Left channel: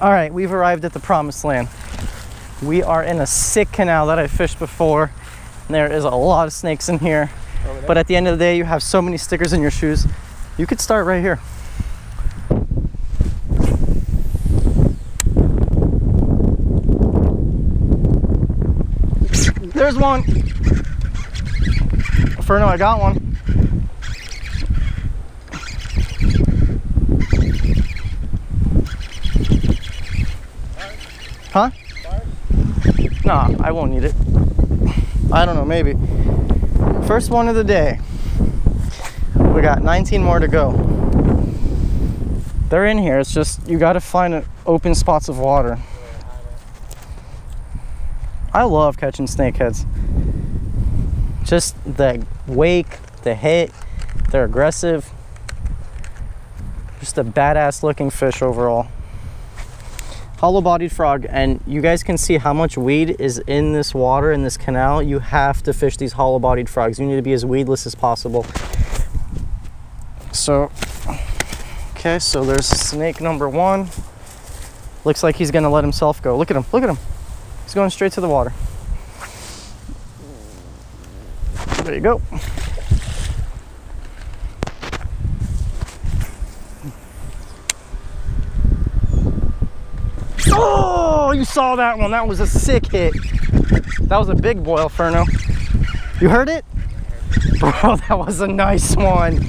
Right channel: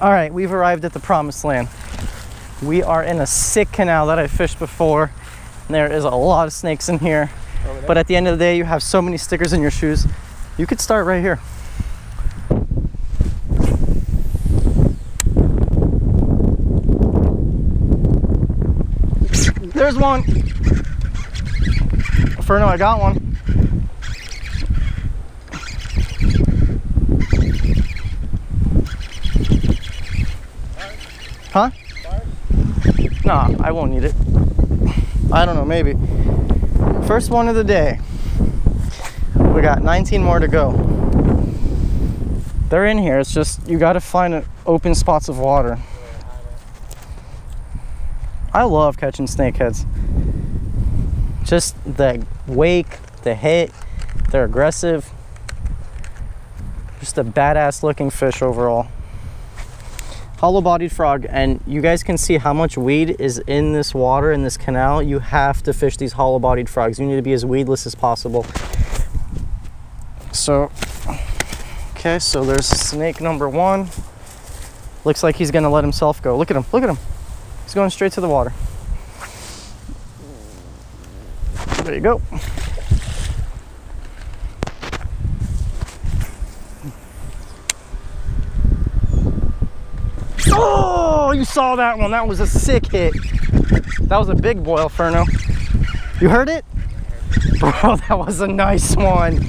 All right, we've arrived at the promised land. We are in a sick canal that I fished before. And there is a lot of snakes in here. But at the end of the day, you have so many stickers in your shoes. You could start right here. There's one. Ferno, I got one. Huh? Nah, I won't need it. I don't know, maybe. First one of the day. We got 19 more to go. They're in here. It's just, you gotta find open spots of water. I love catching snakeheads. Just the wake, the hit, they're aggressive. Just a badass looking fish overall. Hollow-bodied frog, and you guys can see how much weed is in this water, in this canal. You have to fish these hollow-bodied frogs. You need to be as weedless as possible. So, okay, so there's snake number one. Looks like he's gonna let himself go. Look at him, look at him. He's going straight to the water. There you go. Oh, you saw that one. That was a sick hit. That was a big boil, Ferno. You heard it? Bro, that was a nice one.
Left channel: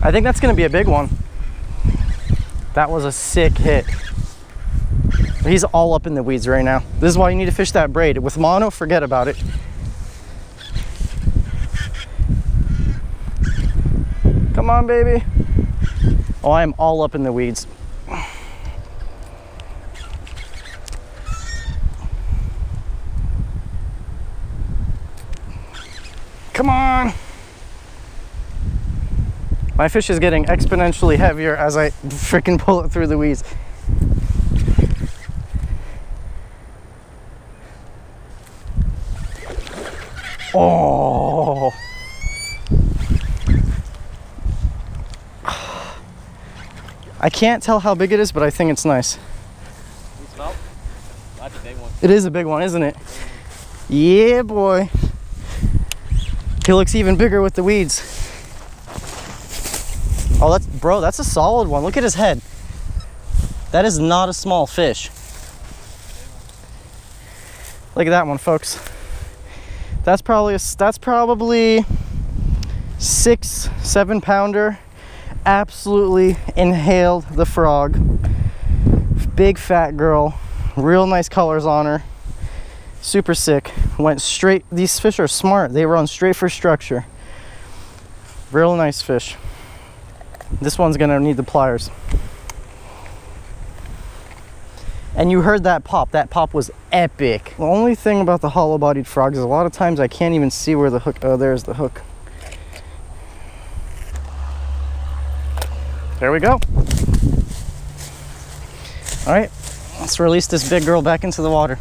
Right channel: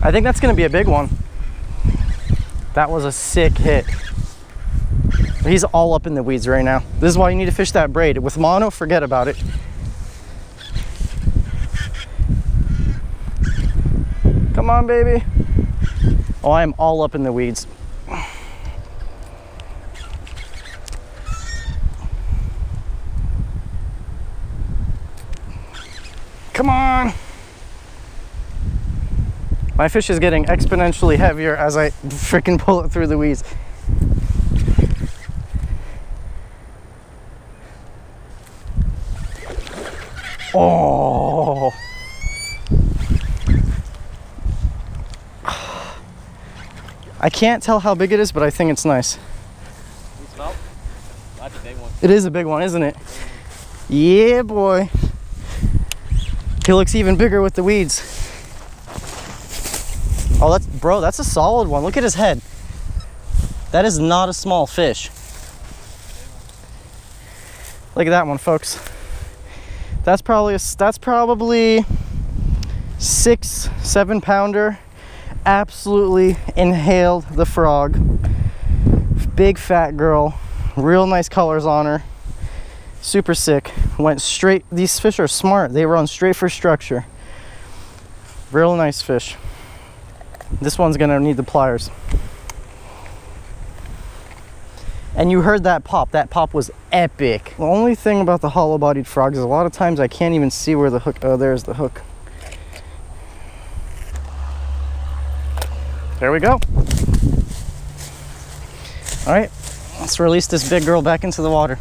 I think that's gonna be a big one. That was a sick hit. He's all up in the weeds right now. This is why you need to fish that braid. With mono, forget about it. Come on, baby. Oh, I am all up in the weeds. Come on. My fish is getting exponentially heavier as I freaking pull it through the weeds. Oh. I can't tell how big it is, but I think it's nice. You smell? That's a big one. It is a big one, isn't it? Yeah, boy. He looks even bigger with the weeds. Oh, that's a solid one. Look at his head. That is not a small fish. Look at that one, folks. That's probably 6-7 pounder. Absolutely inhaled the frog. Big fat girl, real nice colors on her. Super sick. Went straight. These fish are smart. They run straight for structure. Real nice fish. This one's gonna need the pliers. And you heard that pop. That pop was epic. The only thing about the hollow-bodied frogs is a lot of times I can't even see where the hook. Oh, there's the hook. There we go. All right, let's release this big girl back into the water.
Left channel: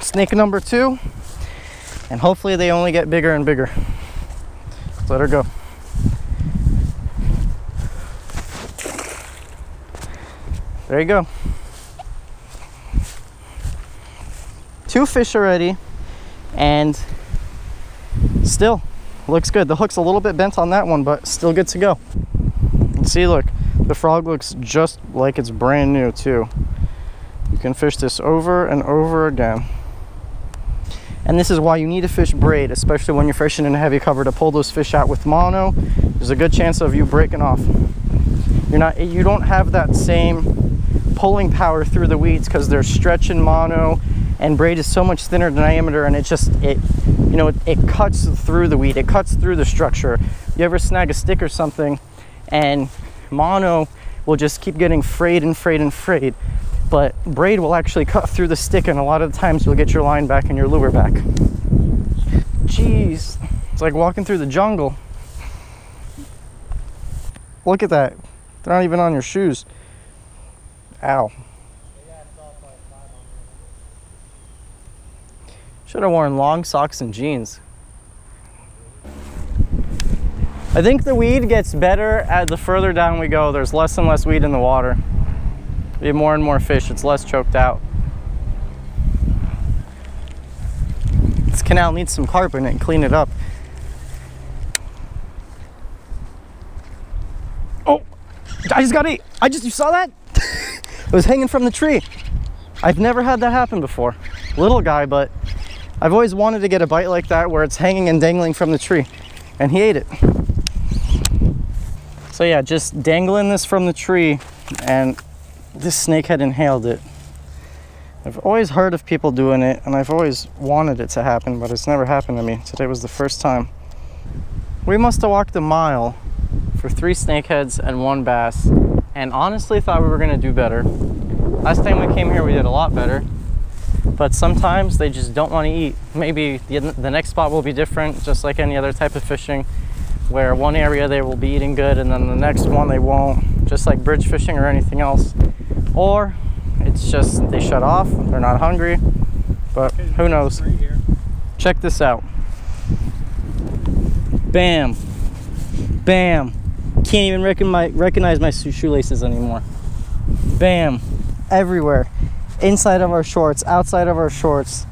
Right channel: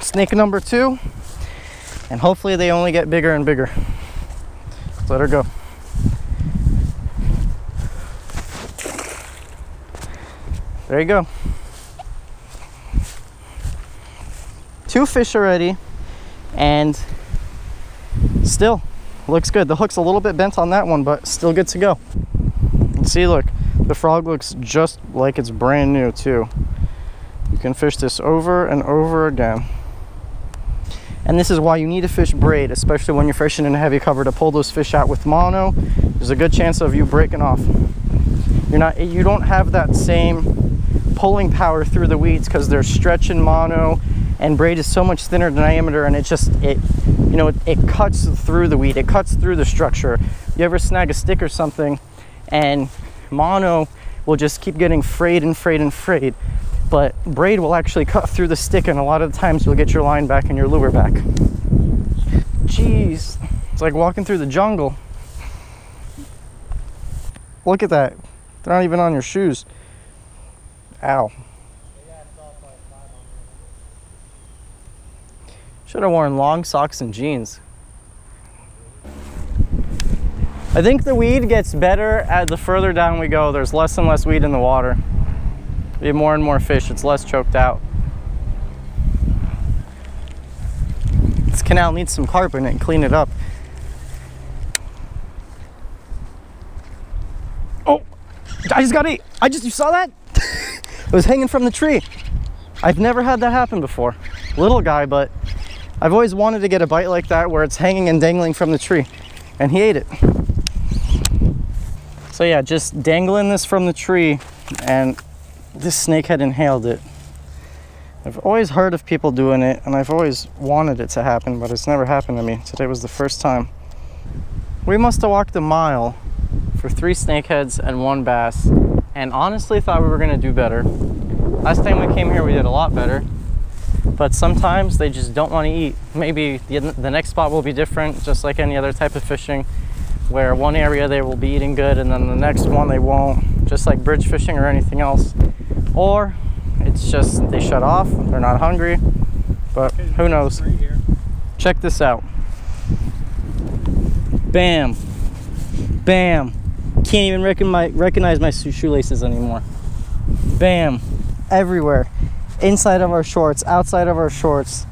Snake number 2, and hopefully they only get bigger and bigger. Let's let her go. There you go. 2 fish already, and still looks good. The hook's a little bit bent on that one, but still good to go. See, look, the frog looks just like it's brand new too. You can fish this over and over again. And this is why you need to fish braid, especially when you're fishing in a heavy cover, to pull those fish out. With mono, there's a good chance of you breaking off. You don't have that same pulling power through the weeds because they're stretching mono, and braid is so much thinner diameter, and it cuts through the weed. It cuts through the structure. You ever snag a stick or something, and mono will just keep getting frayed and frayed and frayed. But braid will actually cut through the stick, and a lot of the times you'll get your line back and your lure back. Jeez, it's like walking through the jungle. Look at that. They're not even on your shoes. Ow. Should have worn long socks and jeans. I think the weed gets better the further down we go. There's less and less weed in the water. We have more and more fish. It's less choked out. This canal needs some carp in it and clean it up. Oh, I just got ate. You saw that? It was hanging from the tree. I've never had that happen before. Little guy, but I've always wanted to get a bite like that where it's hanging and dangling from the tree, and he ate it. So yeah, just dangling this from the tree, and this snakehead inhaled it. I've always heard of people doing it, and I've always wanted it to happen, but it's never happened to me. Today was the first time. We must have walked a mile for 3 snakeheads and 1 bass, and honestly thought we were gonna do better. Last time we came here, we did a lot better, but sometimes they just don't want to eat. Maybe the next spot will be different, just like any other type of fishing, where one area they will be eating good and then the next one they won't, just like bridge fishing or anything else. Or it's just they shut off, they're not hungry, but who knows. Check this out. Bam, bam. Can't even recognize my shoelaces anymore. Bam, everywhere. Inside of our shorts, outside of our shorts.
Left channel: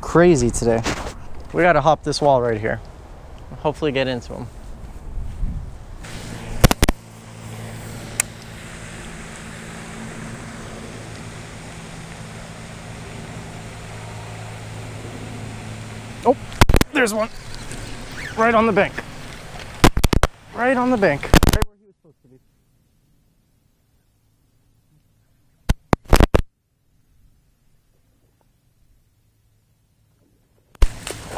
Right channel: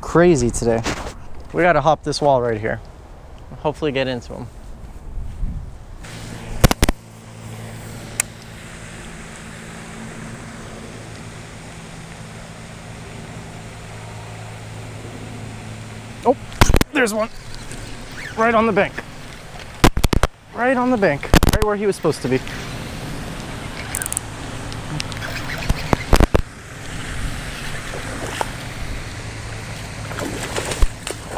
Crazy today. We gotta hop this wall right here. Hopefully get into them. Oh, there's one. Right on the bank. Right on the bank. Right where he was supposed to be.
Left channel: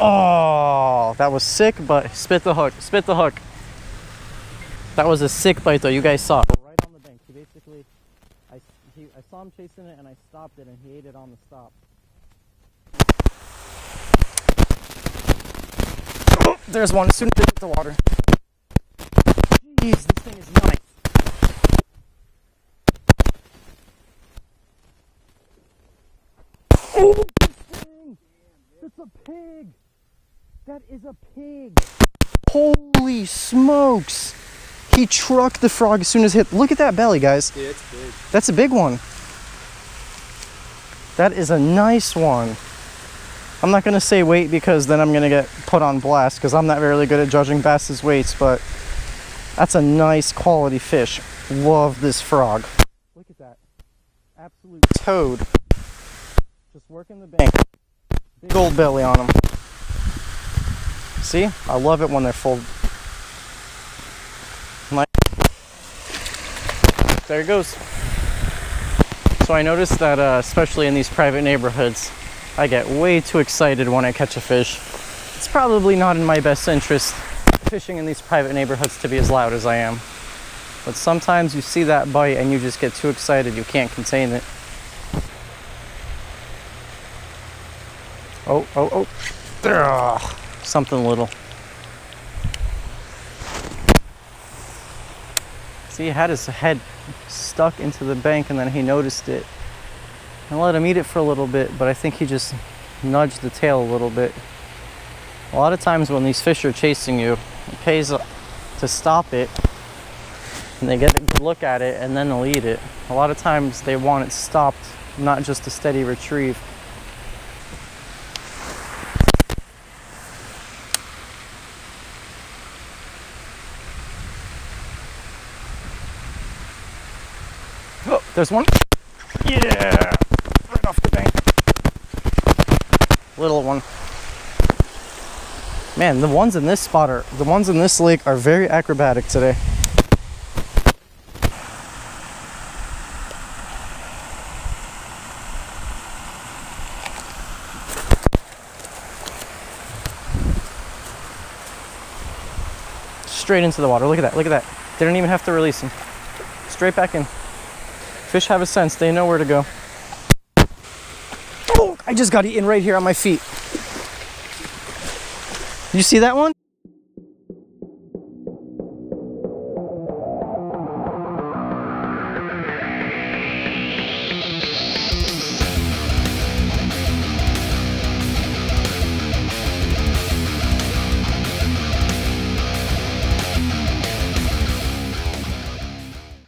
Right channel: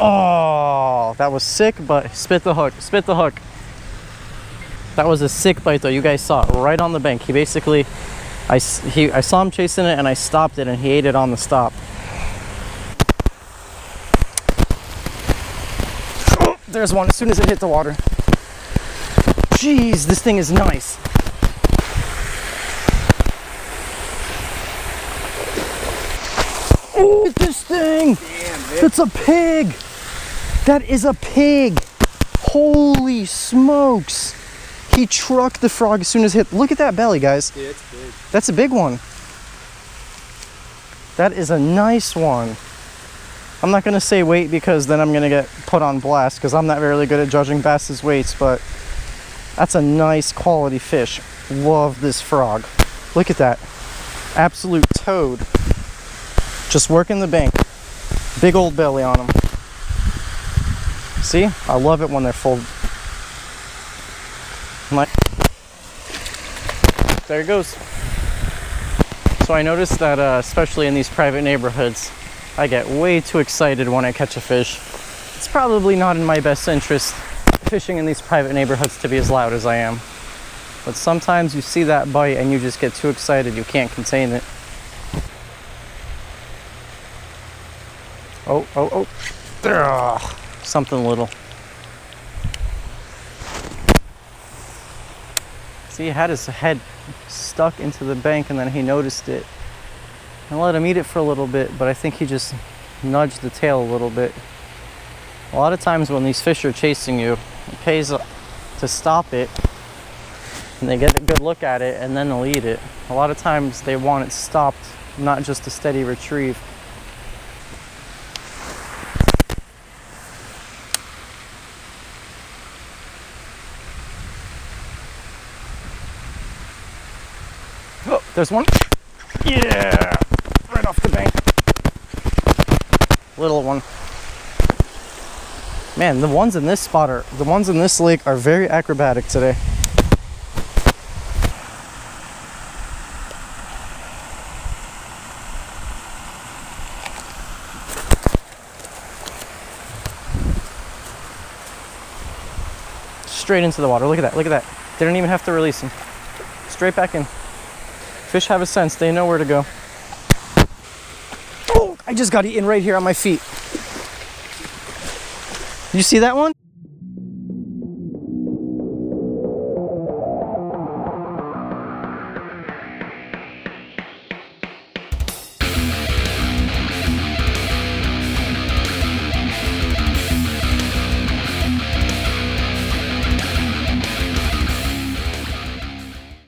Oh, that was sick, but spit the hook, spit the hook. That was a sick bite though. You guys saw it right on the bank. He basically, I saw him chasing it and I stopped it and he ate it on the stop. Oh, there's one as soon as it hit the water. Jeez, this thing is nice. Oh, look at this thing. Damn, that's a pig. That is a pig. Holy smokes. He trucked the frog as soon as it hit. Look at that belly, guys. Yeah, it's big. That's a big one. That is a nice one. I'm not gonna say weight because then I'm gonna get put on blast because I'm not really good at judging bass's weights, but that's a nice quality fish. Love this frog. Look at that. Absolute toad. Just working the bank. Big old belly on them. See? I love it when they're full. There it goes. So I noticed that especially in these private neighborhoods, I get way too excited when I catch a fish. It's probably not in my best interest fishing in these private neighborhoods to be as loud as I am. But sometimes you see that bite and you just get too excited, you can't contain it. Oh, oh, oh. Ugh, something little. See, he had his head stuck into the bank and then he noticed it. I let him eat it for a little bit, but I think he just nudged the tail a little bit. A lot of times when these fish are chasing you, it pays to stop it and they get a good look at it and then they'll eat it. A lot of times they want it stopped, not just a steady retrieve. Oh, there's one. Yeah, right off the bank. Little one. Man, the ones in this spot are, the ones in this lake are very acrobatic today. Straight into the water. Look at that, look at that. Didn't even have to release him. Straight back in. Fish have a sense, they know where to go. Oh, I just got eaten right here on my feet. Did you see that one?